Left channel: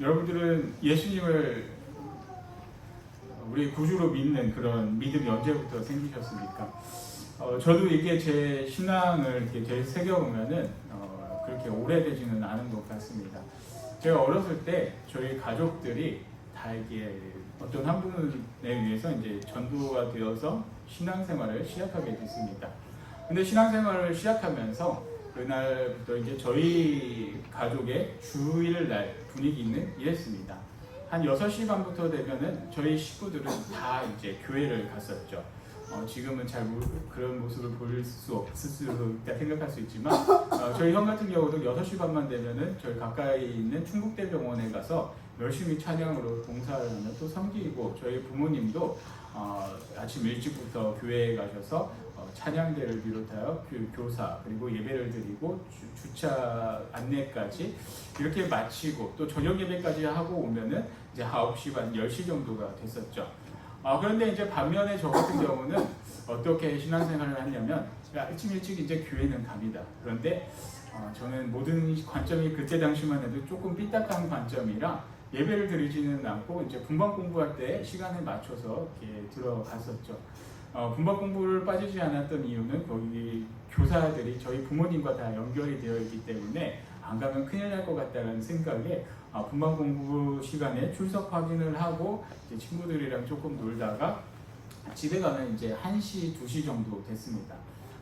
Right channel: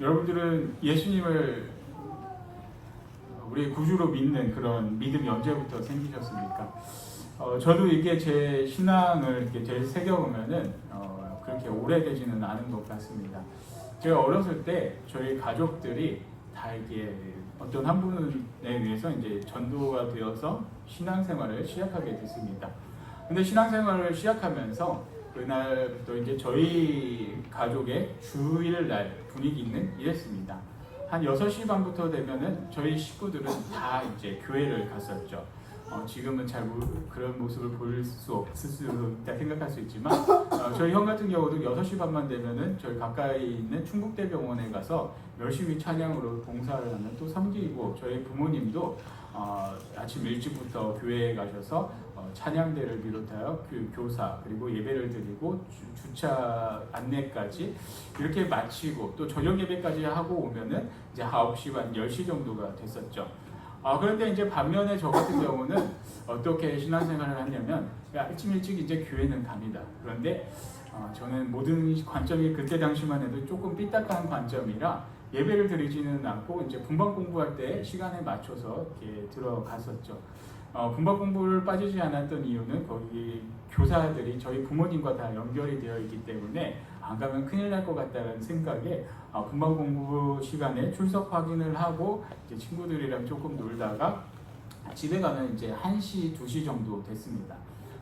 여러분들은 예수님을 우리의 구주로 믿는 그런 믿음이 언제부터 생기셨습니까? 저도 이게 제 신앙을 이렇게 되새겨보면은 그렇게 오래되지는 않은 것 같습니다. 제가 어렸을 때 저희 가족들이 다 이게 어떤 한 분에 의해서 이제 전도가 되어서 신앙생활을 시작하게 됐습니다. 근데 신앙생활을 시작하면서 그날부터 이제 저희 가족의 주일날 분위기는 이랬습니다. 한 6시 반부터 되면은 저희 식구들은 다 이제 교회를 갔었죠. 지금은 잘 그런 모습을 볼 수 없을 수 있다 생각할 수 있지만 저희 형 같은 경우도 6시 반만 되면은 저희 가까이 있는 충북대병원에 가서 열심히 찬양으로 봉사를 하면 또 섬기고, 저희 부모님도 아침 일찍부터 교회에 가셔서 찬양대를 비롯하여 교사 그리고 예배를 드리고 주차 안내까지 이렇게 마치고 또 저녁 예배까지 하고 오면은 이제 9시 반 10시 정도가 됐었죠. 그런데 이제 반면에 저 같은 경우는 어떻게 신앙생활을 하냐면 일찍 이제 교회는 갑니다. 그런데 저는 모든 관점이 그때 당시만 해도 조금 삐딱한 관점이라 예배를 드리지는 않고 이제 분반 공부할 때 시간에 맞춰서 이렇게 들어갔었죠. 분반 공부를 빠지지 않았던 이유는 거기 교사들이 저희 부모님과 다 연결이 되어 있기 때문에 안 가면 큰일 날 것 같다는 생각에 분반 공부 시간에 출석 확인을 하고 이제 친구들이랑 조금 놀다가 집에 가면 이제 1시, 2시 정도 됐습니다.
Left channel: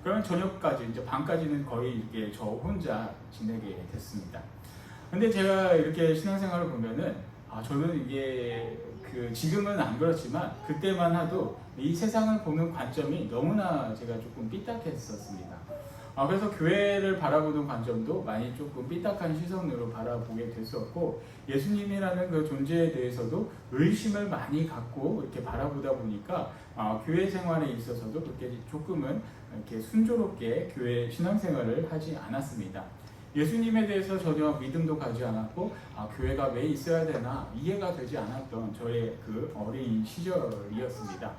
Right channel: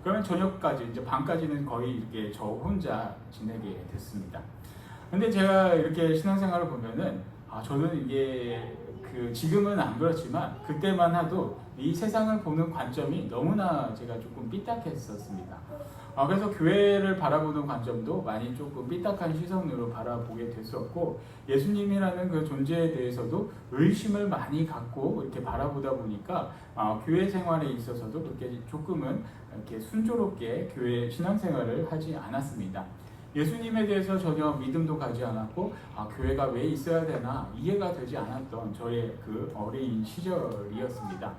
그러면 저녁까지 이제 밤까지는 거의 이게 저 혼자 지내게 됐습니다. 근데 제가 이렇게 신앙생활을 보면은 저는 이게 지금은 안 그렇지만 그때만 해도 이 세상을 보는 관점이 너무나 제가 조금 삐딱했었습니다. 그래서 교회를 바라보는 관점도 많이 조금 삐딱한 시선으로 바라보게 됐었고, 예수님이라는 그 존재에 대해서도 의심을 많이 갖고 이렇게 바라보다 보니까 교회 생활에 있어서도 그렇게 조금은 이렇게 순조롭게 교회 신앙생활을 하지 않았습니다. 예수님에 대해서 전혀 믿음도 가지 않았고 교회가 왜 있어야 되나 이해가 되지 않았던 저의 그 어린 시절이었습니다.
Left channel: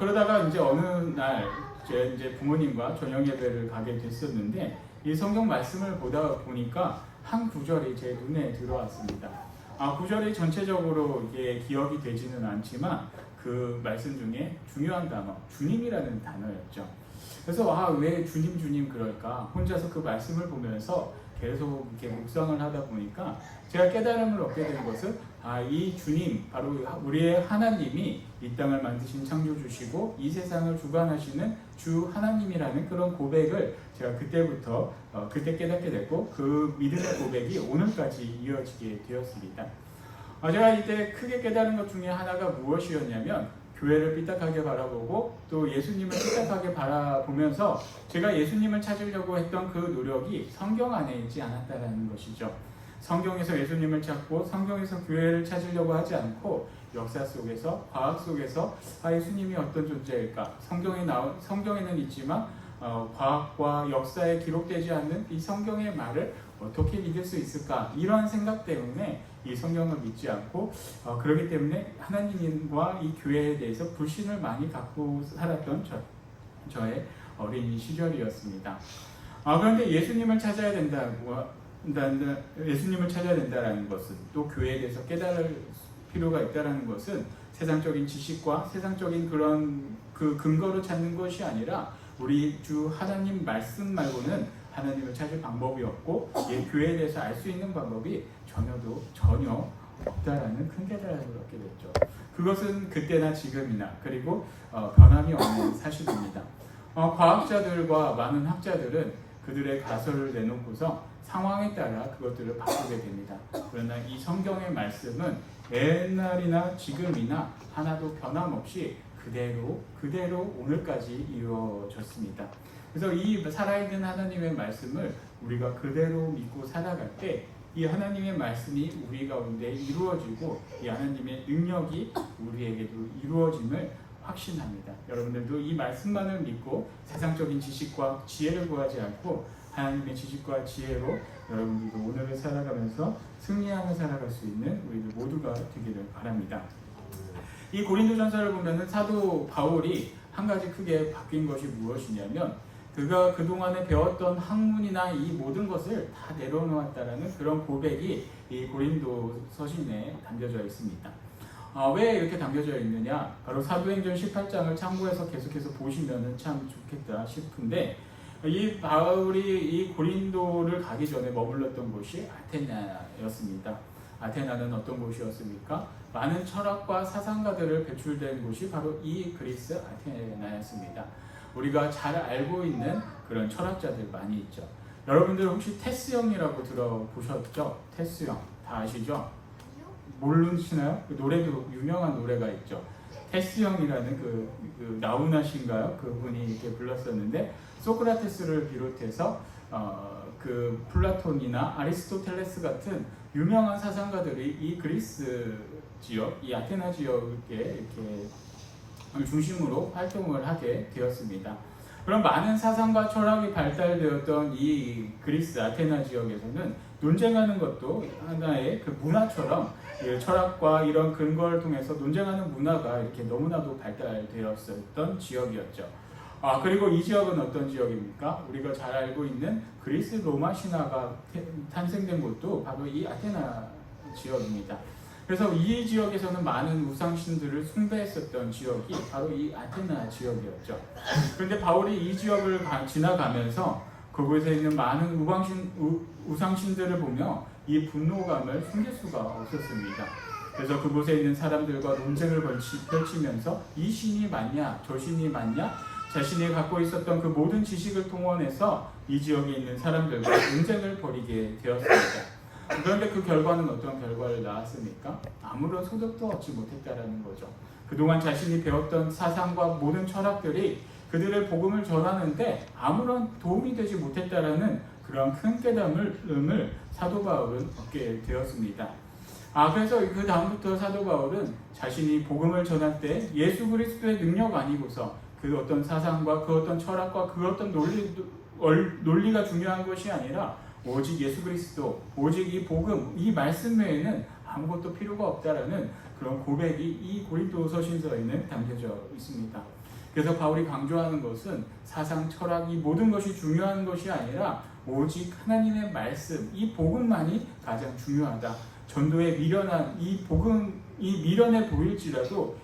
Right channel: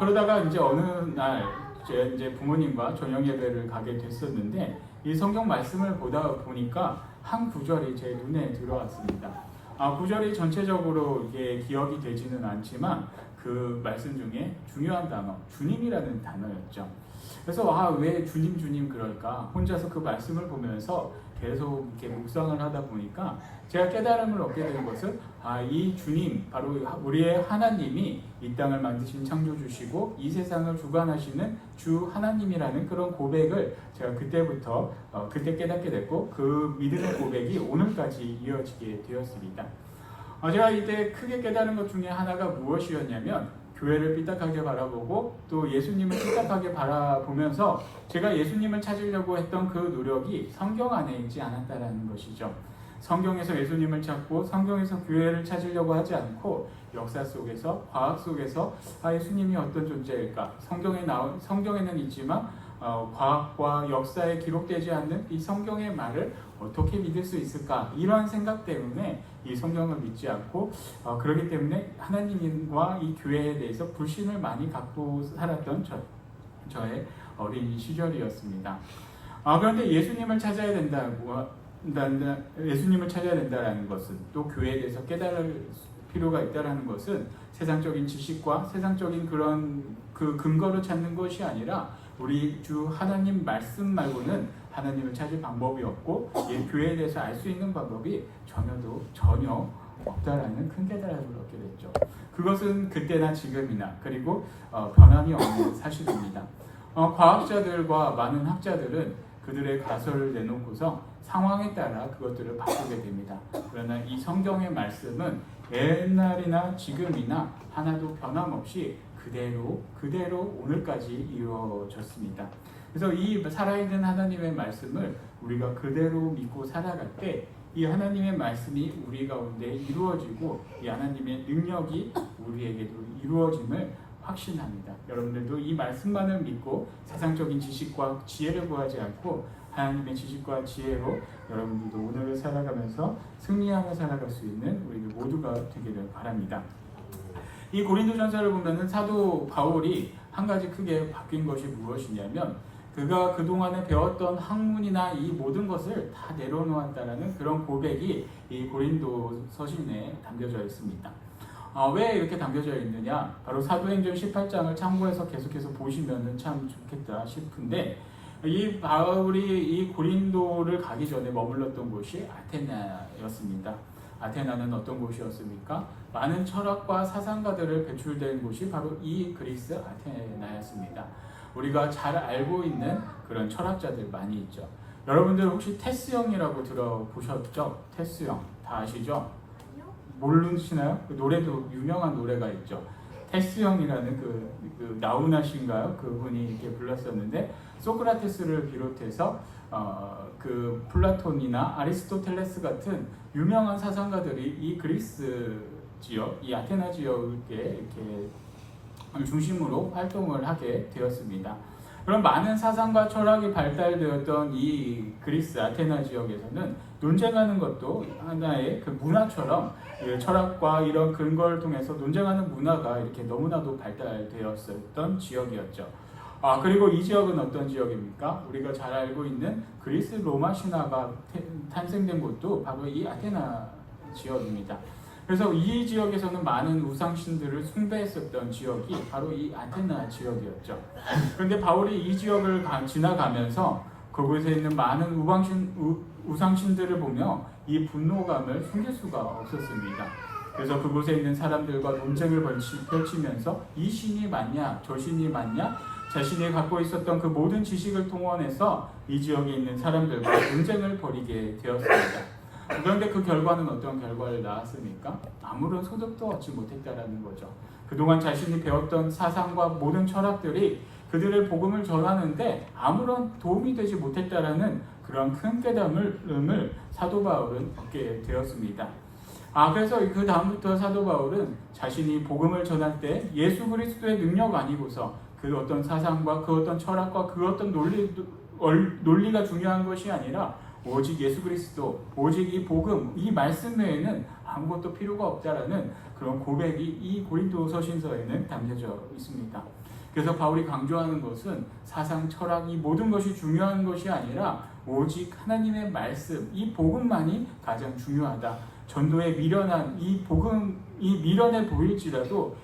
그러다가 이제 어느 날 이제 부모님과 저녁 예배를 가게 됐었는데 이 성경 말씀을 보다 보니까 한 구절이 제 눈에 들어왔습니다. 구절이 전체적으로 이게 기억이 되지는 않지만 그 말씀 중에 중요한 단어, 주님이라는 단어였죠. 그래서 왜 주님 그럴까? 혼자서 그 말씀을 보면서 계속 이렇게 묵상을 하다 보니까 제가 깨달음을 얻게 된 것은 이 주님, 바로 우리의 하나님이 이 땅을 만드신 창조주시고 이 세상을 주관하시는 주 하나님이라는 그런 고백을 제가 그때부터 그때 깨닫게 됐고, 그 믿음의 고백이 오늘까지 이어지게 되었습니다. 제가 이때 크게 깨달은 것 중에 하나가 무엇이었냐면, 교회를 삐딱하게 바라보고 또 예수님을 삐딱하게 바라보면서 제가 예수님을 찾으려고 했던 그 노력이 성경 안에 있지 않았다는 것이죠. 성경에서 예수님을 찾고 성경에서 교회를 찾으려고 하지 않고 역사 속에서, 과학 속에서 예수님이 어떤 존재일까? 성경에는 있지만 과학과 역사에 기록되지 않는 이 성경의 말을 어떻게 믿을 수 있을까? 이런 생각 때문에 이 성경을 믿지 않고 그렇기 때문에 하나님과 이 교회에 대해서 불신을 많이 갖고 살았던 저의 어린 시절이었습니다. 그런데 예수님을 찾아야 된다는 것은, 또 교회에 대해서 깨달을 필요가 있다는 것은 세상적인 지식과 세상적인 그런 그 근거를 찾는 것이 아니라 우리 주 하나님 말씀 말고는 하나님을 찾을 방법이 없고 교회에 대해서 알 수 있는 방법이 전혀 없다라는 큰 깨달음을 얻게 됐죠. 그것은 그때나 지금이나 그리고 변함이 없는 사실입니다. 과학자들과 많은 학자들은 그들의 가설을 내놓고서 상황에 따라 그것들을 바꾸게 됩니다. 그러나 이 성경의 말씀은 옛날이나 지금이나 하나도 변함없이 그대로 오늘까지 이루어졌습니다. 그래서 이 살아있는 하나님의 말씀을 우리가 그대로 믿고 살아갈 때 이 하나님의 말씀이 우리 가운데 이루어지고 이 하나님의 능력이 우리에게도 이루어짐을 확신합니다. 여러분들도 이 말씀만을 믿고 세상적인 지식과 지혜를 구하지 않고 하나님의 지식과 지혜로 여러분들도 오늘을 살아가면서 승리하며 살아갈 수 있는 우리들 모두가 되기를 바랍니다. 이 고린도전서를 보면은 사도 바울이 한 가지 크게 바뀐 것이 무엇이냐면, 그가 그동안에 배웠던 학문이나 이 모든 것을 다 내려놓았다라는 그런 고백이 이 고린도 서신에 담겨져 있습니다. 왜 이렇게 담겨져 있느냐? 바로 사도행전 18장을 참고해서 계속해서 보시면 참 좋겠다 싶은데, 이 바울이 이 고린도를 가기 전에 머물렀던 곳이 아테나였습니다. 아테나는 어떤 곳이었습니까? 많은 철학과 사상가들을 배출된 곳이 바로 이 그리스 아테나였습니다. 우리가 잘 알고 있는 그런 철학자들 많이 있죠. 여러분들 혹시 테스형이라고 들어보셨죠? 테스형 다 아시죠? 모르시나요? 그 노래도 유명한 노래가 있죠. 테스형이라는 그 나우나신가요? 그분이 이렇게 불렀었는데, 소크라테스를 비롯해서 그 플라톤이나 아리스토텔레스 같은 유명한 사상가들이 이 그리스 지역, 이 아테나 지역에 이렇게 중심으로 활동을 하게 되었습니다. 그런 많은 사상과 철학이 발달되었던 이 그리스 아테나 지역에서는 논쟁하는 것도 하나의 그 문화처럼 철학과 이런 근거를 통해서 논쟁하는 문화가 이렇게 너무나도 발달되었었던 지역이었죠. 그리고 이 지역은 어떤 지역입니까? 우리가 잘 알고 있는 그리스 로마 신화가 탄생된 곳도 바로 이 아테나 지역입니다. 그래서 이 지역에서는 많은 우상신들을 숭배했었던 지역이 바로 이 아테나 지역이었죠. 그런데 바울이 이 지역을 지나가면서 그곳에 있는 많은 우상신들을 보며 이 분노감을 숨길 수가 없었습니다. 그래서 그곳에 있는 사람들과 논쟁을 펼치면서 이 신이 맞냐, 저 신이 맞냐, 자신이 갖고 있었던 그 모든 지식을 동원해서 이 지역에 있는 사람들과 논쟁을 벌이게 되었습니다. 그런데 그 결과는 어떤 결과를 낳았습니까? 아무런 소득도 얻지 못했다라는 거죠. 그동안 자신이 배웠던 사상과 모든 철학들이 그들의 복음을 전하는데 아무런 도움이 되지 못했다라는 그런 큰 깨달음을 사도 바울은 얻게 되었습니다. 그래서 그 다음부터 사도 바울은 자신이 복음을 전할 때 예수 그리스도의 능력 아니고서 그 어떤 사상과 그 어떤 철학과 그 어떤 논리가 중요한 것이 아니라 오직 예수 그리스도, 오직 이 복음, 이 말씀 외에는 아무것도 필요가 없다라는 그런 고백이 이 고린도 서신서에는 담겨져 있습니다. 그래서 바울이 강조하는 것은 사상, 철학, 이 모든 것이 중요한 것이 아니라 오직 하나님의 말씀, 이 복음만이 가장 중요하다. 전도에 미련한 이 복음이 미련해 보일지라도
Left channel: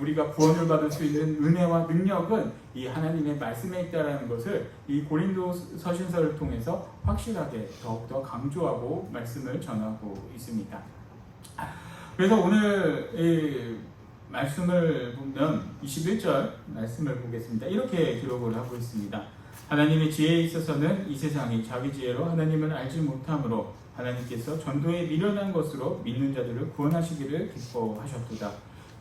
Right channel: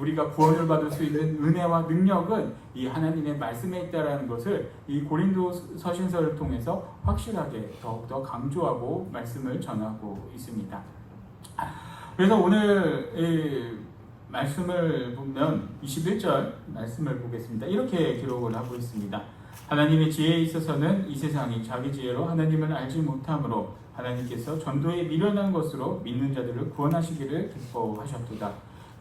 우리가 구원을 받을 수 있는 은혜와 능력은 이 하나님의 말씀에 있다라는 것을 이 고린도 서신서를 통해서 확실하게 더욱더 강조하고 말씀을 전하고 있습니다. 그래서 오늘 이 말씀을 보면 21절 말씀을 보겠습니다. 이렇게 기록을 하고 있습니다. 하나님의 지혜에 있어서는 이 세상이 자기 지혜로 하나님을 알지 못하므로 하나님께서 전도에 미련한 것으로 믿는 자들을 구원하시기를 기뻐하셨도다.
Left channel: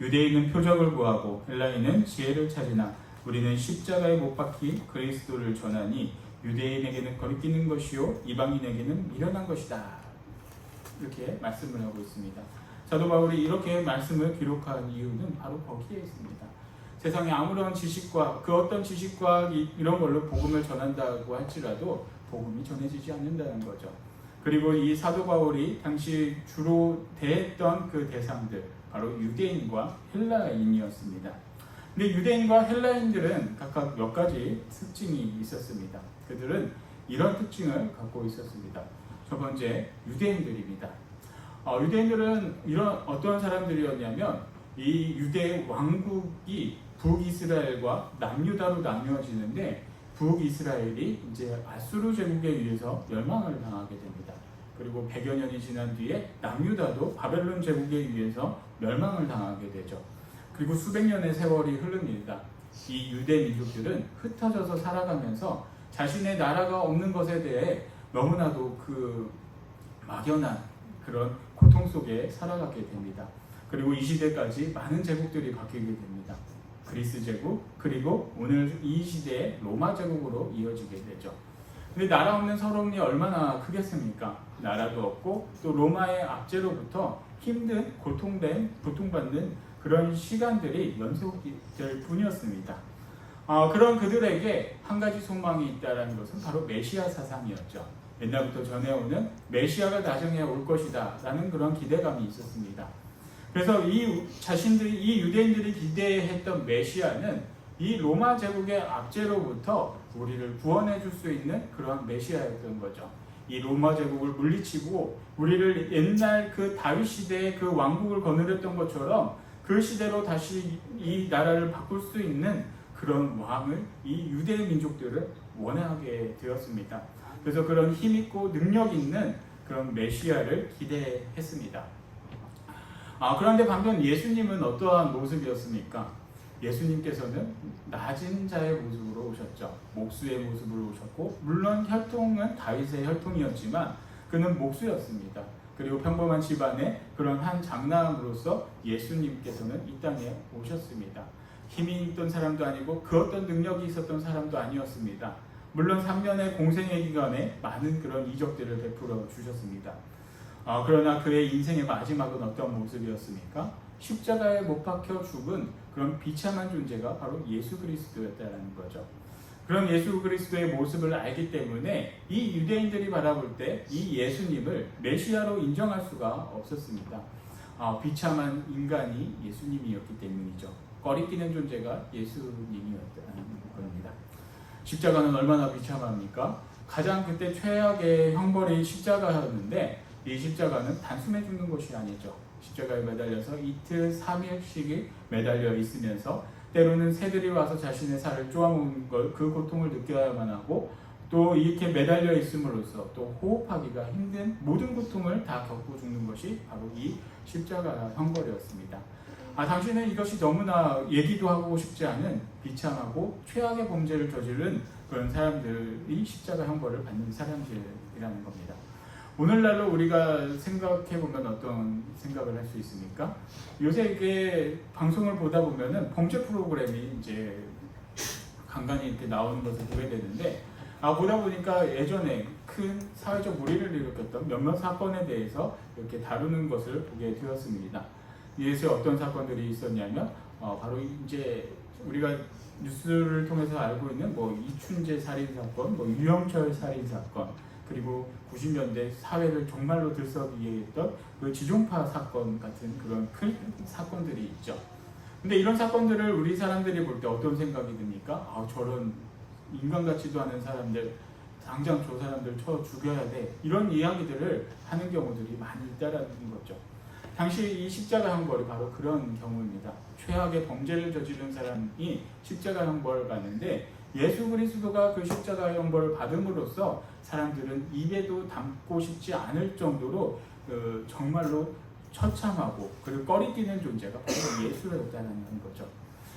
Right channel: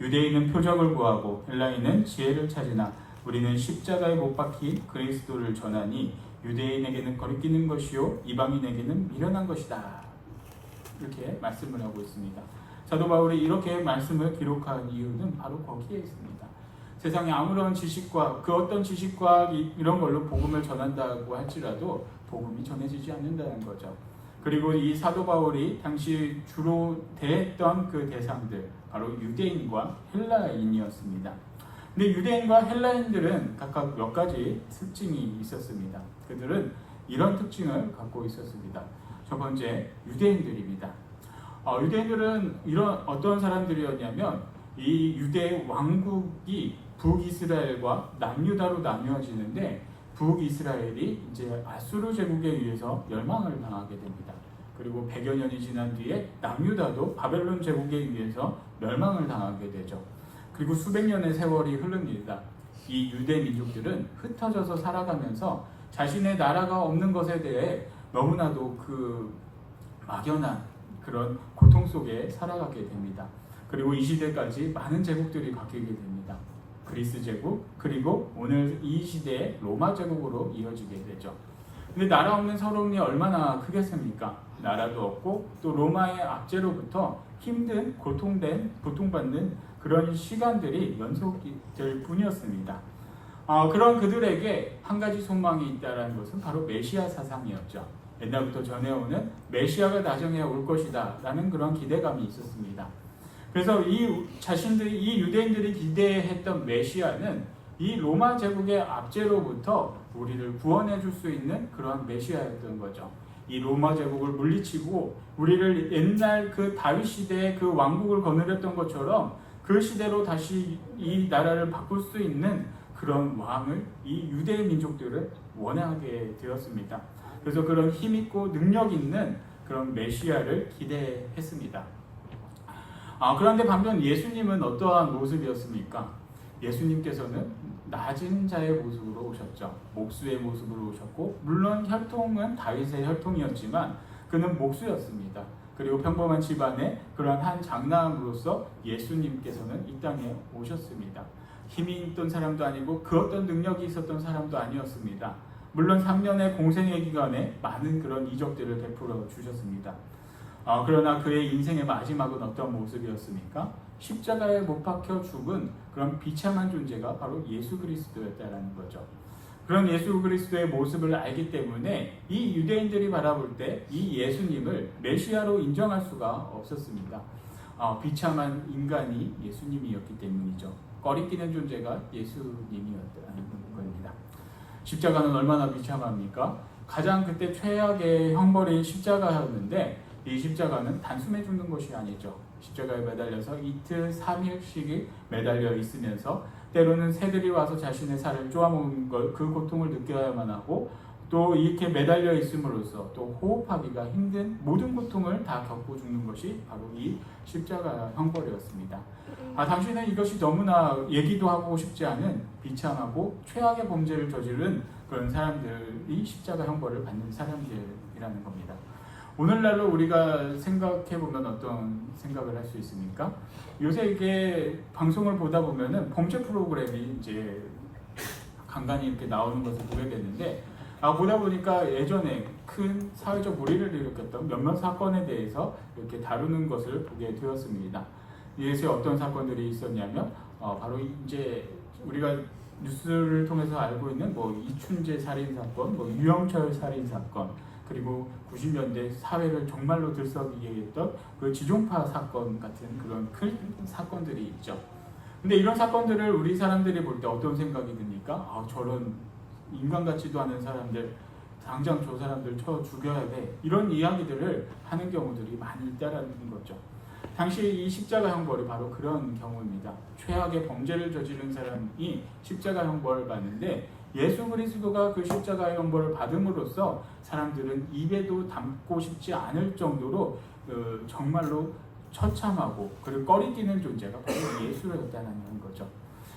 유대인은 표적을 구하고 헬라인은 지혜를 찾으나 우리는 십자가에 못 박힌 그리스도를 전하니 유대인에게는 거리끼는 것이요 이방인에게는 미련한 것이다. 이렇게 말씀을 하고 있습니다. 사도 바울이 이렇게 말씀을 기록한 이유는 바로 거기에 있습니다. 세상에 아무런 지식과 그 어떤 지식과 이런 걸로 복음을 전한다고 할지라도 복음이 전해지지 않는다는 거죠. 그리고 이 사도 바울이 당시 주로 대했던 그 대상들 바로 유대인과 헬라인이었습니다. 근데 유대인과 헬라인들은 각각 몇 가지 특징이 있었습니다. 그들은 이런 특징을 갖고 있었습니다. 첫 번째, 유대인들입니다. 유대인들은 이런 어떤 사람들이었냐면 이 유대 왕국이 북이스라엘과 남유다로 나뉘어지는데 북이스라엘이 이제 아수르 제국에 의해서 멸망을 당하게 됩니다. 그리고 100여 년이 지난 뒤에 남유다도 바벨론 제국에 의해서 멸망을 당하게 되죠. 그리고 수백 년의 세월이 흐릅니다. 이 유대 민족들은 흩어져서 살아가면서 자신의 나라가 없는 것에 대해 너무나도 그 막연한 그런 고통 속에 살아가게 됩니다. 그리고 이 시대까지 많은 제국들이 바뀌게 됩니다. 그리스 제국, 그리고 오늘 이 시대의 로마 제국으로 이어지게 되죠. 근데 나라 없는 서러움이 얼마나 크겠습니까? 나라도 없고 또 로마의 압제로부터 힘든 고통받는 그런 시간들이 연속될 뿐이었습니다. 그런 그들에게 한 가지 소망이 있다는 것은 바로 메시아 사상이었죠. 옛날부터 전해오는 메시아가 나중에 올 것이다 라는 그런 기대감이 있었습니다. 그래서 이 유대인들이 기대했던 메시아는 이 로마 제국의 압제로부터 우리를 구원해 줄 수 있는 그런 메시아였던 거죠. 이 로마 제국을 물리치고 우리를 옛날 그 다윗 시대의 그 왕국을 거느렸던 것처럼 그 시대로 다시 이 나라를 바꿀 수 있는 그런 왕을 이 유대 민족들은 원하게 되었습니다. 그래서 그런 힘 있고 능력 있는 그런 메시아를 기대했습니다. 그런데 반면 예수님은 어떠한 모습이었습니까? 예수님께서는 낮은 자의 모습으로 오셨죠. 목수의 모습으로 오셨고, 물론 혈통은 다윗의 혈통이었지만 그는 목수였습니다. 그리고 평범한 집안의 그런 한 장남으로서 예수님께서는 이 땅에 오셨습니다. 힘이 있던 사람도 아니고 그 어떤 능력이 있었던 사람도 아니었습니다. 물론 3년의 공생의 기간에 많은 그런 이적들을 베풀어 주셨습니다. 그러나 그의 인생의 마지막은 어떤 모습이었습니까? 십자가에 못 박혀 죽은 그런 비참한 존재가 바로 예수 그리스도였다는 거죠. 그런 예수 그리스도의 모습을 알기 때문에 이 유대인들이 바라볼 때 이 예수님을 메시아로 인정할 수가 없었습니다. 비참한 인간이 예수님이었기 때문이죠. 꺼리끼는 존재가 예수님이었다는 겁니다. 십자가는 얼마나 비참합니까? 가장 그때 최악의 형벌이 십자가였는데 이 십자가는 단숨에 죽는 것이 아니죠. 십자가에 매달려서 이틀 3일씩이 매달려 있으면서 때로는 새들이 와서 자신의 살을 쪼아먹는 걸 그 고통을 느껴야만 하고 또 이렇게 매달려 있음으로써 또 호흡하기가 힘든 모든 고통을 다 겪고 죽는 것이 바로 이 십자가 형벌이었습니다. 당신은 이것이 너무나 얘기도 하고 싶지 않은 비참하고 최악의 범죄를 저지른 그런 사람들이 십자가 형벌을 받는 사람들이라는 겁니다. 오늘날로 우리가 생각해보면 어떤 생각을 할 수 있습니까? 요새 이게 방송을 보다 보면은 범죄 프로그램이 이제 간간히 이렇게 나오는 것을 보게 되는데, 보다 보니까 예전에 큰 사회적 물의를 일으켰던 몇몇 사건에 대해서 이렇게 다루는 것을 보게 되었습니다. 이에서 어떤 사건들이 있었냐면, 바로 이제 우리가 뉴스를 통해서 알고 있는 이춘재 살인 사건, 유영철 살인 사건, 그리고 90년대 사회를 정말로 들썩이게 했던 그 지종파 사건 같은 그런 큰 사건들이 있죠. 근데 이런 사건들을 우리 사람들이 볼 때 어떤 생각이 듭니까? 저런 인간 같지도 않은 사람들, 당장 저 사람들 쳐 죽여야 돼. 이런 이야기들을 하는 경우들이 많이 있다라는 거죠. 당시 이 십자가 형벌이 바로 그런 경우입니다. 최악의 범죄를 저지른 사람이 십자가 형벌을 받는데 예수 그리스도가 그 십자가 형벌을 받음으로써 사람들은 입에도 담고 싶지 않을 정도로 정말로 처참하고 그리고 꺼리끼는 존재가 바로 예수였다는 거죠.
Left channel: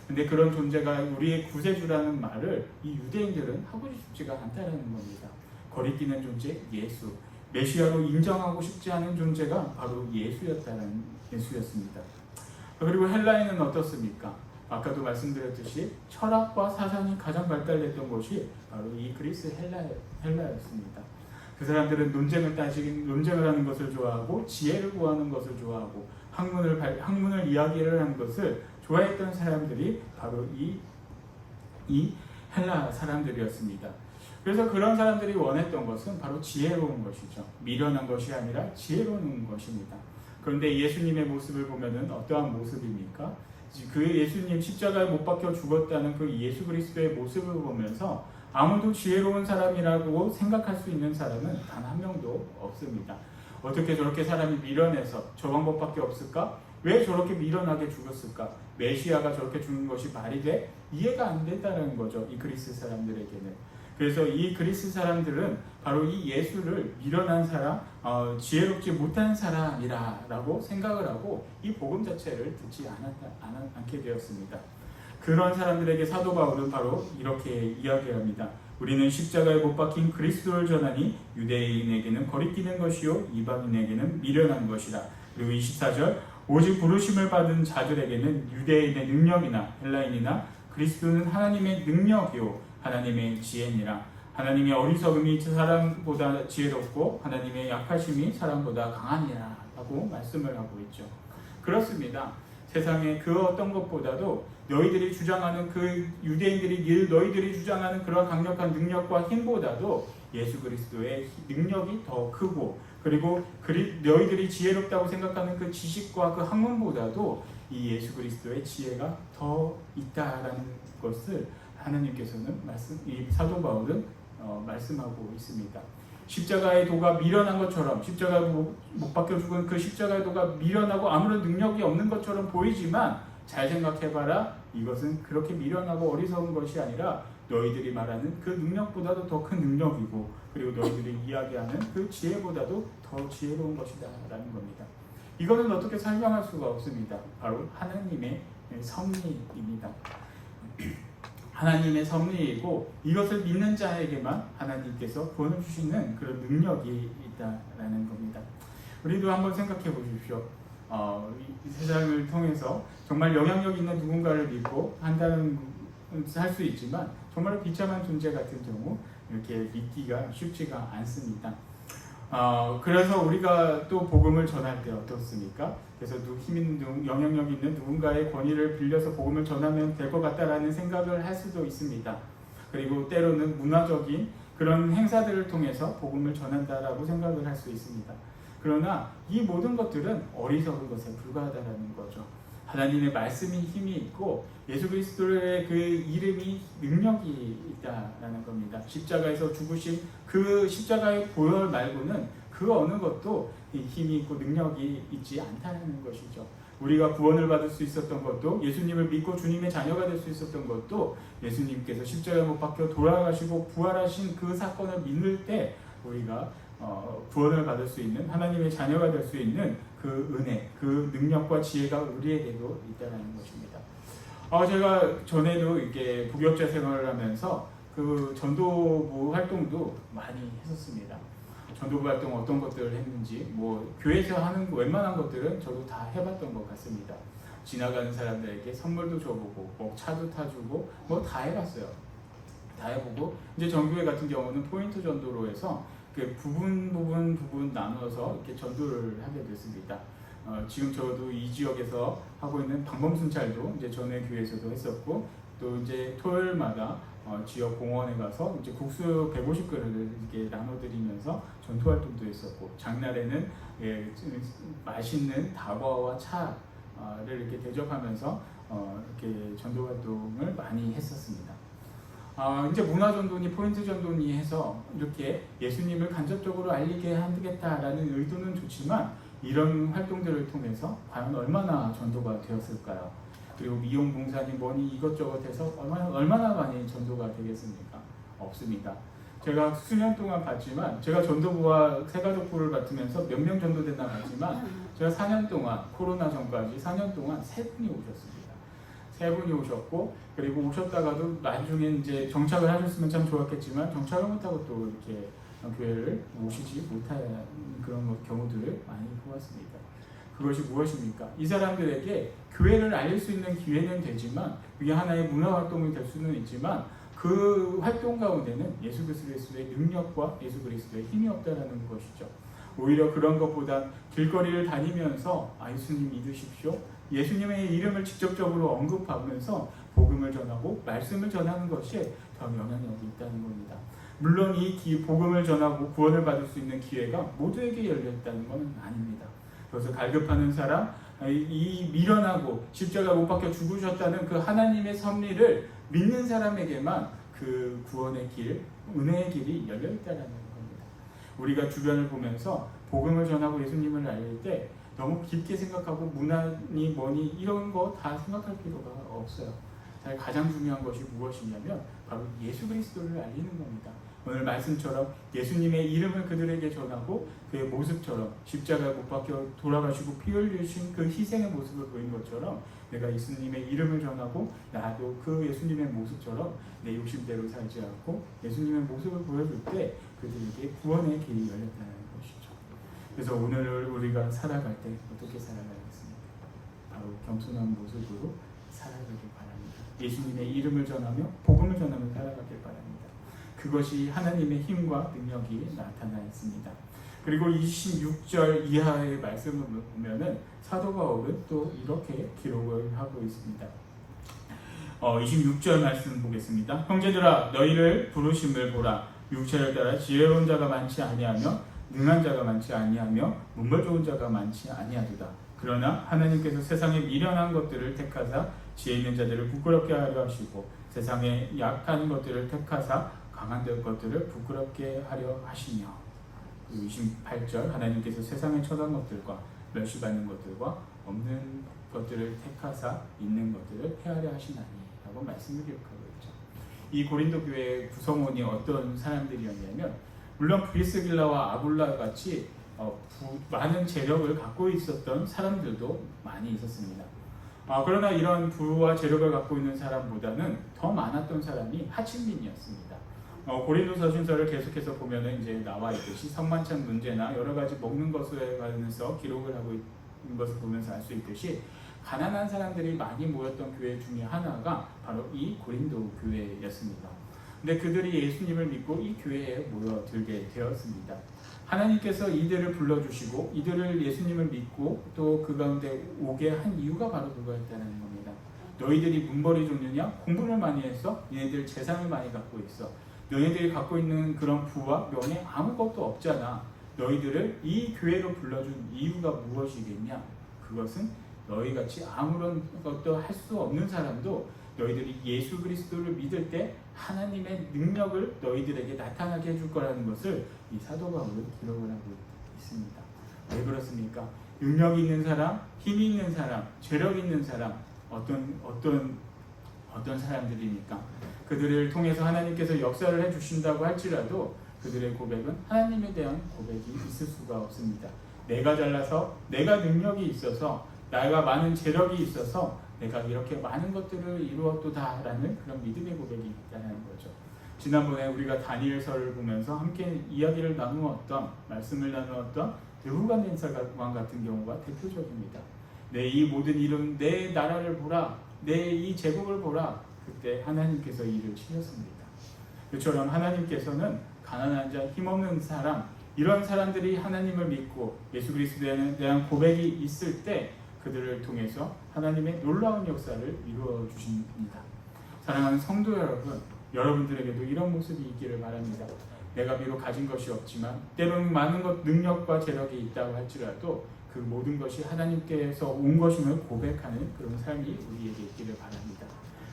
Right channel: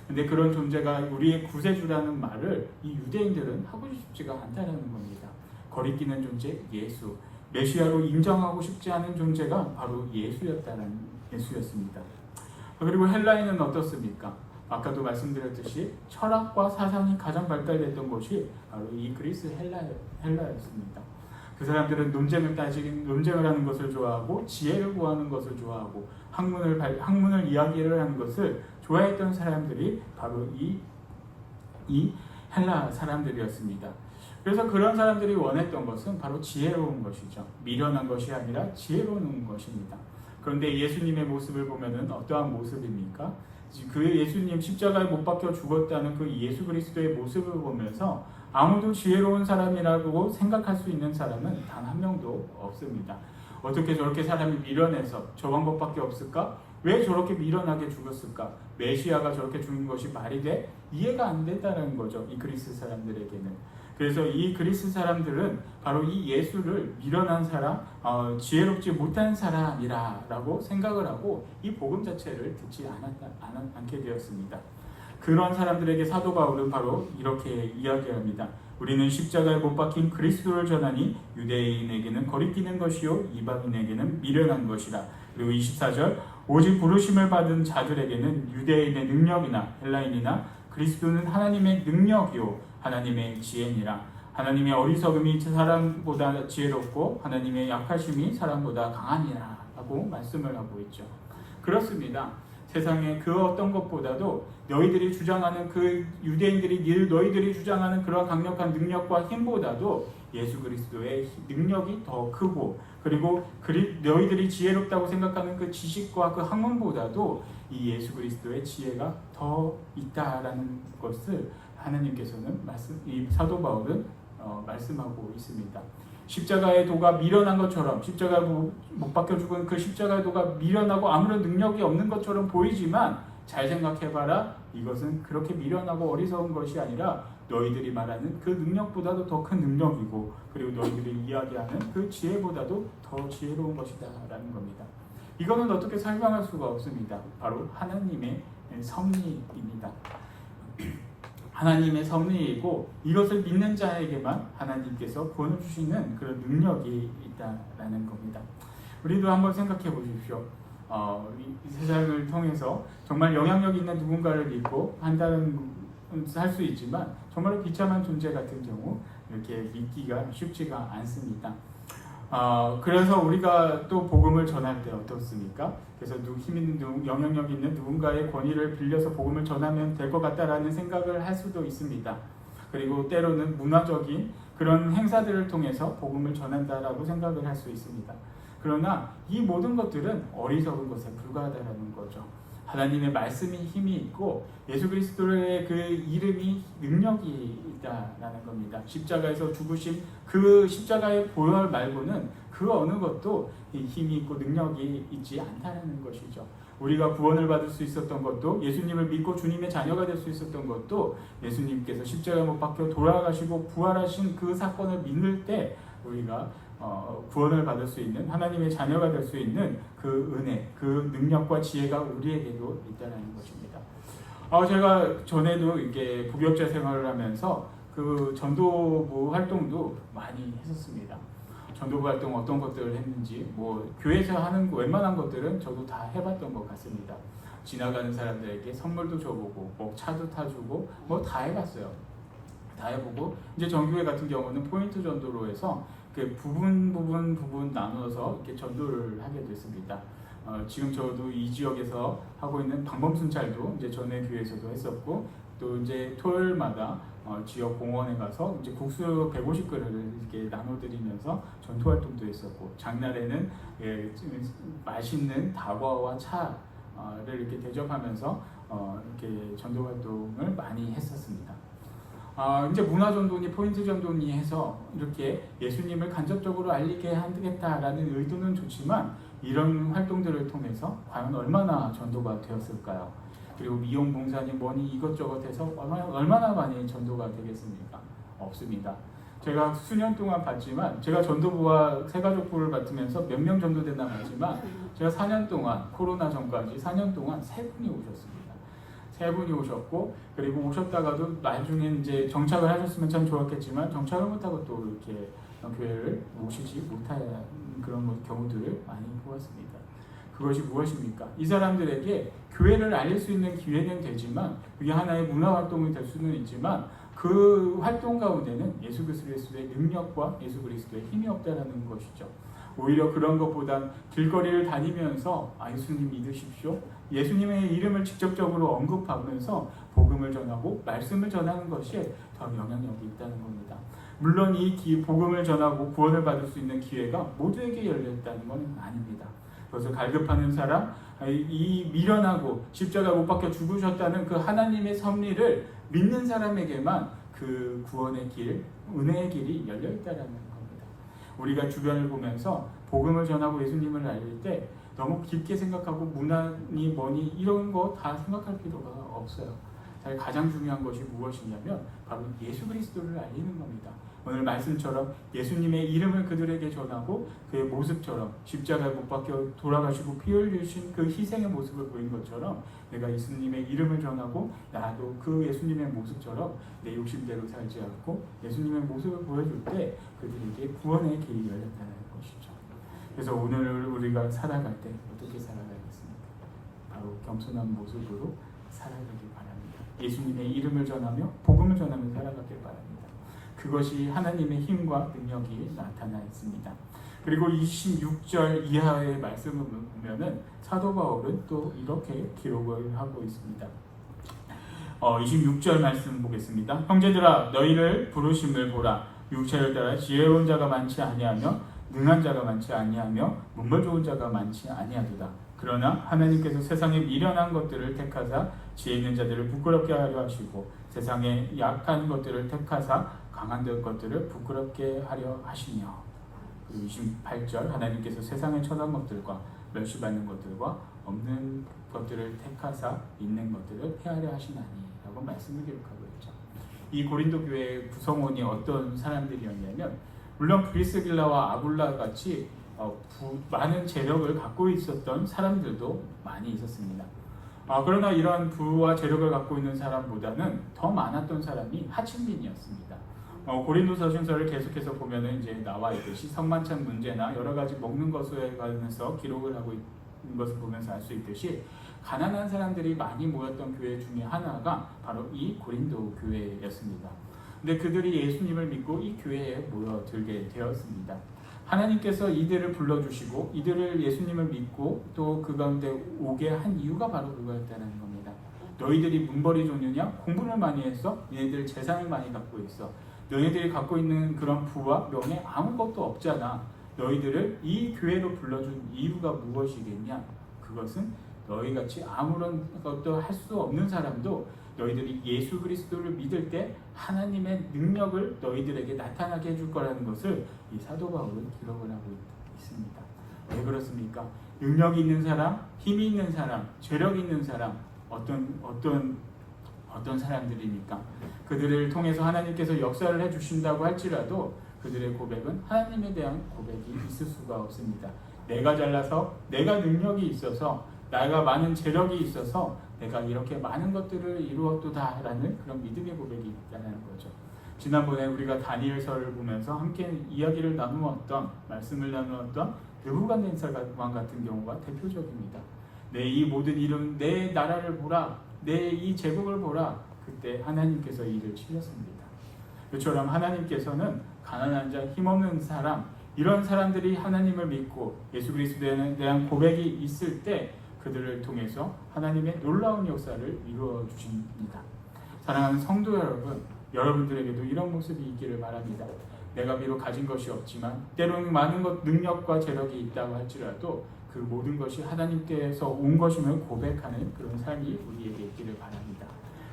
근데 그런 존재가 우리의 구세주라는 말을 이 유대인들은 하고 싶지가 않다는 겁니다. 거리끼는 존재 예수, 메시아로 인정하고 싶지 않은 존재가 바로 예수였습니다. 그리고 헬라인은 어떻습니까? 아까도 말씀드렸듯이 철학과 사상이 가장 발달됐던 곳이 바로 이 그리스 헬라였습니다. 그 사람들은 논쟁을 하는 것을 좋아하고 지혜를 구하는 것을 좋아하고 학문을 이야기를 하는 것을 좋아했던 사람들이 바로 이 헬라 사람들이었습니다. 그래서 그런 사람들이 원했던 것은 바로 지혜로운 것이죠. 미련한 것이 아니라 지혜로운 것입니다. 그런데 예수님의 모습을 보면은 어떠한 모습입니까? 그 예수님 십자가에 못 박혀 죽었다는 그 예수 그리스도의 모습을 보면서 아무도 지혜로운 사람이라고 생각할 수 있는 사람은 단 한 명도 없습니다. 어떻게 저렇게 사람이 미련해서 저 방법밖에 없을까? 왜 저렇게 미련하게 죽었을까? 메시아가 저렇게 죽는 것이 말이 돼? 이해가 안 된다는 거죠. 이 그리스 사람들에게는. 그래서 이 그리스 사람들은 바로 이 예수를 미련한 사람, 지혜롭지 못한 사람이라고 생각을 하고 이 복음 자체를 듣지 않게 되었습니다. 그런 사람들에게 사도 바울은 바로 이렇게 이야기합니다. 우리는 십자가에 못 박힌 그리스도를 전하니 유대인에게는 거리끼는 것이요 이방인에게는 미련한 것이라. 그리고 24절 오직 부르심을 받은 자들에게는 유대인의 능력이나 헬라인이나 그리스도는 하나님의 능력이요 하나님의 지혜니라. 하나님의 어리석음이 사람보다 지혜롭고 하나님의 약하심이 사람보다 강하니라 라고 말씀을 하고 있죠. 그렇습니다. 세상의 그 어떤 것보다도 너희들이 주장하는 그 유대인들이 너희들이 주장하는 그런 강력한 능력과 힘보다도 예수 그리스도의 능력이 더 크고 그리고 너희들이 지혜롭다고 생각하는 그 지식과 그 학문보다도 이 예수 그리스도의 지혜가 더 있다라는 것을 하나님께서는 이 사도 바울은 말씀하고 있습니다. 십자가의 도가 미련한 것처럼, 십자가에 못 박혀 죽은 그 십자가의 도가 미련하고 아무런 능력이 없는 것처럼 보이지만 잘 생각해봐라. 이것은 그렇게 미련하고 어리석은 것이 아니라 너희들이 말하는 그 능력보다도 더 큰 능력이고, 그리고 너희들이 이야기하는 그 지혜보다도 더 지혜로운 것이다 라는 겁니다. 이거는 어떻게 설명할 수가 없습니다. 바로 하나님의 섭리입니다. 하나님의 섭리이고, 이것을 믿는 자에게만 하나님께서 구원을 주시는 그런 능력이 있다라는 겁니다. 우리도 한번 생각해 보십시오. 이 세상을 통해서 정말 영향력 있는 누군가를 믿고 할 수 있지만 정말로 비참한 존재 같은 경우 이렇게 믿기가 쉽지가 않습니다. 그래서 우리가 또 복음을 전할 때 어떻습니까? 그래서 힘 있는 영향력 있는 누군가의 권위를 빌려서 복음을 전하면 될 것 같다라는 생각을 할 수도 있습니다. 그리고 때로는 문화적인 그런 행사들을 통해서 복음을 전한다라고 생각을 할 수 있습니다. 그러나 이 모든 것들은 어리석은 것에 불과하다는 거죠. 하나님의 말씀이 힘이 있고 예수 그리스도의 그 이름이 능력이 있다라는 겁니다. 십자가에서 죽으신 그 십자가의 보혈 말고는 그 어느 것도 힘이 있고 능력이 있지 않다는 것이죠. 우리가 구원을 받을 수 있었던 것도, 예수님을 믿고 주님의 자녀가 될 수 있었던 것도, 예수님께서 십자가에 못 박혀 돌아가시고 부활하신 그 사건을 믿을 때 우리가 구원을 받을 수 있는, 하나님의 자녀가 될 수 있는 그 은혜, 그 능력과 지혜가 우리에게도 있다는 것입니다. 제가 전에도 이렇게 부역자 생활을 하면서 그 전도부 활동도 많이 했었습니다. 전도부 활동 어떤 것들을 했는지, 교회에서 하는 웬만한 것들은 저도 다 해봤던 것 같습니다. 지나가는 사람들에게 선물도 줘보고, 차도 타주고, 다 해봤어요. 다 해보고, 이제 정교회 같은 경우는 포인트 전도로 해서 부분 나누어서 이렇게 전도를 하게 됐습니다. 지금 저도 이 지역에서 하고 있는 방범순찰도 이제 전에 교회에서도 했었고, 또 이제 토요일마다 지역 공원에 가서 이제 국수 150그릇을 이렇게 나눠드리면서 전도 활동도 했었고, 장날에는 맛있는 다과와 차를 이렇게 대접하면서 이렇게 전도 활동을 많이 했었습니다. 이제 문화전도니 포인트 전도니 해서 이렇게 예수님을 간접적으로 알리게 하겠다라는 의도는 좋지만, 이런 활동들을 통해서 과연 얼마나 전도가 되었을까요? 그리고 미용봉사니 뭐니 이것저것 해서 얼마나 많이 전도가 되겠습니까? 없습니다. 제가 수년 동안 봤지만, 제가 전도부와 새가족부를 맡으면서 몇 명 정도 됐나 봤지만, 제가 4년 동안, 코로나 전까지 4년 동안 3분이 오셨습니다. 3분이 오셨고, 그리고 오셨다가도 나중에 이제 정착을 하셨으면 참 좋았겠지만 정착을 못하고 또 이렇게 교회를 오시지 못하는 그런 경우들을 많이 보았습니다. 그것이 무엇입니까? 이 사람들에게 교회를 알릴 수 있는 기회는 되지만, 그게 하나의 문화 활동이 될 수는 있지만, 그 활동 가운데는 예수 그리스도의 능력과 예수 그리스도의 힘이 없다라는 것이죠. 오히려 그런 것보다 길거리를 다니면서 예수님 믿으십시오, 예수님의 이름을 직접적으로 언급하면서 복음을 전하고 말씀을 전하는 것이 더 영향력이 있다는 겁니다. 물론 이 복음을 전하고 구원을 받을 수 있는 기회가 모두에게 열려있다는 건 아닙니다. 그래서 갈급하는 사람, 이 미련하고 십자가에 못 박혀 죽으셨다는 그 하나님의 섭리를 믿는 사람에게만 그 구원의 길, 은혜의 길이 열려있다는 겁니다. 우리가 주변을 보면서 복음을 전하고 예수님을 알릴 때 너무 깊게 생각하고 문화니 뭐니 이런 거 다 생각할 필요가 없어요. 가장 중요한 것이 무엇이냐면 바로 예수 그리스도를 알리는 겁니다. 오늘 말씀처럼 예수님의 이름을 그들에게 전하고 그의 모습처럼 십자가에 못 박혀 돌아가시고 피 흘리신 그 희생의 모습을 보인 것처럼, 내가 예수님의 이름을 전하고 나도 그 예수님의 모습처럼 내 욕심대로 살지 않고 예수님의 모습을 보여줄 때 그들에게 구원의 길이 열렸다는 것이죠. 그래서 오늘 우리가 살아갈 때 어떻게 살아가겠습니까? 바로 겸손한 모습으로 살아가길 바랍니다. 예수님의 이름을 전하며 복음을 전하며 살아가길 바랍니다. 그것이 하나님의 힘과 능력이 나타나 있습니다. 그리고 26절 이하의 말씀을 보면은 사도 바울은 또 이렇게 기록을 하고 있습니다. 26절 말씀 보겠습니다. 형제들아, 너희를 부르심을 보라. 육체를 따라 지혜로운 자가 많지 아니하며 능한 자가 많지 아니하며 문벌 좋은 자가 많지 아니하도다. 그러나 하나님께서 세상에 미련한 것들을 택하사 지혜 있는 자들을 부끄럽게 하려 하시고 세상에 약한 것들을 택하사 강한 것들을 부끄럽게 하려 하시며. 그리고 28절 하나님께서 세상에 천한 것들과 멸시받는 것들과 없는 것들을 택하사 있는 것들을 헤아려 하시나니 라고 말씀을 기록하고 있죠. 이 고린도 교회의 구성원이 어떤 사람들이었냐면 물론 브리스길라와 아굴라 같이 많은 재력을 갖고 있었던 사람들도 많이 있었습니다. 그러나 이런 부와 재력을 갖고 있는 사람보다는 더 많았던 사람이 하층민이었습니다. 고린도서 순서를 계속해서 보면은 이제 나와 있듯이 성만찬 문제나 여러 가지 먹는 것에 관해서 기록을 하고 있는 것을 보면서 알 수 있듯이 가난한 사람들이 많이 모였던 교회 중에 하나가 바로 이 고린도 교회였습니다. 근데 그들이 예수님을 믿고 이 교회에 모여들게 되었습니다. 하나님께서 이들을 불러주시고 이들을 예수님을 믿고 또 그 가운데 오게 한 이유가 바로 그거였다는 겁니다. 너희들이 문벌이 종류냐? 공부를 많이 했어? 너희들 재산을 많이 갖고 있어. 너희들이 갖고 있는 그런 부와 명예 아무것도 없잖아. 너희들을 이 교회로 불러준 이유가 무엇이겠냐? 그것은 너희같이 아무런 것도 할 수 없는 사람도 너희들이 예수 그리스도를 믿을 때 하나님의 능력을 너희들에게 나타나게 해줄 거라는 것을 이 사도 바울은 기록을 하고 있습니다. 왜 그렇습니까? 능력이 있는 사람, 힘이 있는 사람, 재력 있는 사람, 어떤 사람들입니까? 그들을 통해서 하나님께서 역사를 해주신다고 할지라도 그들의 고백은 하나님에 대한 고백이 있을 수가 없습니다. 내가 잘나서, 내가 능력이 있어서, 내가 많은 재력이 있어서 내가 이렇게 많은 것들을 이루었도다라는 그런 믿음의 고백이 있다는 거죠. 지난번에 우리가 다니엘서를 보면서 함께 이야기를 나누었던, 말씀을 나누었던 느부갓네살 왕 같은 경우가 대표적입니다. 내 이 모든 이름, 내 나라를 보라, 내 이 제국을 보라. 그때 하나님께서 이를 치셨습니다. 그처럼 하나님께서는 가난한 자, 힘없는 사람, 이런 사람들이 하나님을 믿고 예수 그리스도에 대한 고백이 있을 때 그들을 통해서 하나님의 놀라운 역사를 이루어 주십니다. 사랑하는 성도 여러분, 여러분들에게도 이런 모습이 있기를 바랍니다. 내가 비록 가진 것이 없지만 때로는 많은 것, 능력과 재력이 있다고 할지라도 그 모든 것이 하나님께서 온 것임을 고백하는 그런 삶이 우리에게 있기를 바랍니다.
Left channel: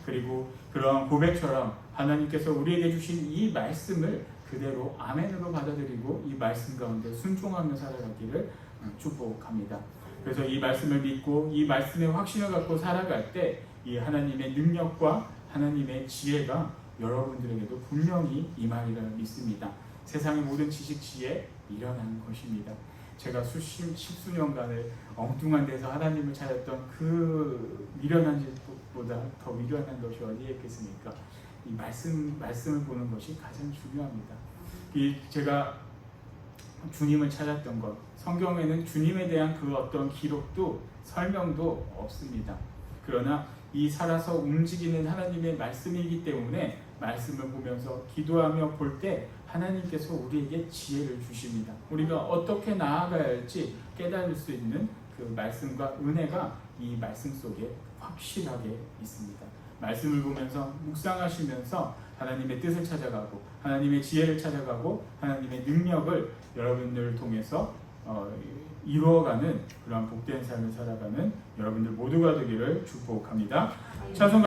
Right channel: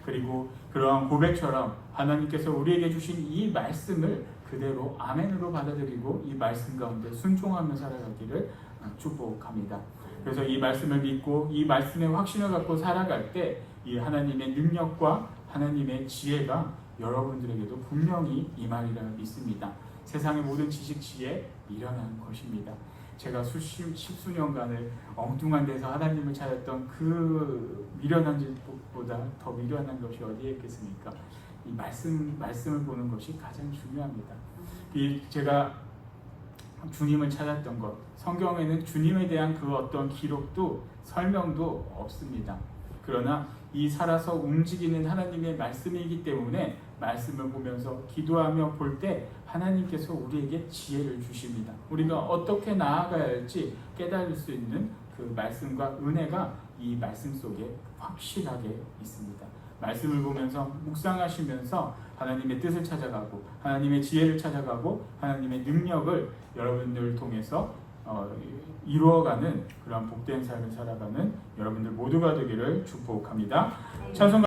그리고 그러한 고백처럼 하나님께서 우리에게 주신 이 말씀을 그대로 아멘으로 받아들이고 이 말씀 가운데 순종하며 살아가기를 축복합니다. 그래서 이 말씀을 믿고 이 말씀의 확신을 갖고 살아갈 때 이 하나님의 능력과 하나님의 지혜가 여러분들에게도 분명히 임하리라 믿습니다. 세상의 모든 지식 지혜 미련한 것입니다. 제가 십수년간을 엉뚱한 데서 하나님을 찾았던 그 미련한 짓보다 더 미련한 것이 어디에 있겠습니까? 이 말씀을 보는 것이 가장 중요합니다. 제가 주님을 찾았던 것, 성경에는 주님에 대한 그 어떤 기록도 설명도 없습니다. 그러나 이 살아서 움직이는 하나님의 말씀이기 때문에 말씀을 보면서 기도하며 볼 때 하나님께서 우리에게 지혜를 주십니다. 우리가 어떻게 나아가야 할지 깨달을 수 있는 그 말씀과 은혜가 이 말씀 속에 확실하게 있습니다. 말씀을 보면서 묵상하시면서 하나님의 뜻을 찾아가고 하나님의 지혜를 찾아가고 하나님의 능력을 여러분들을 통해서 이루어가는 그런 복된 삶을 살아가는 여러분들 모두가 되기를 축복합니다. 찬송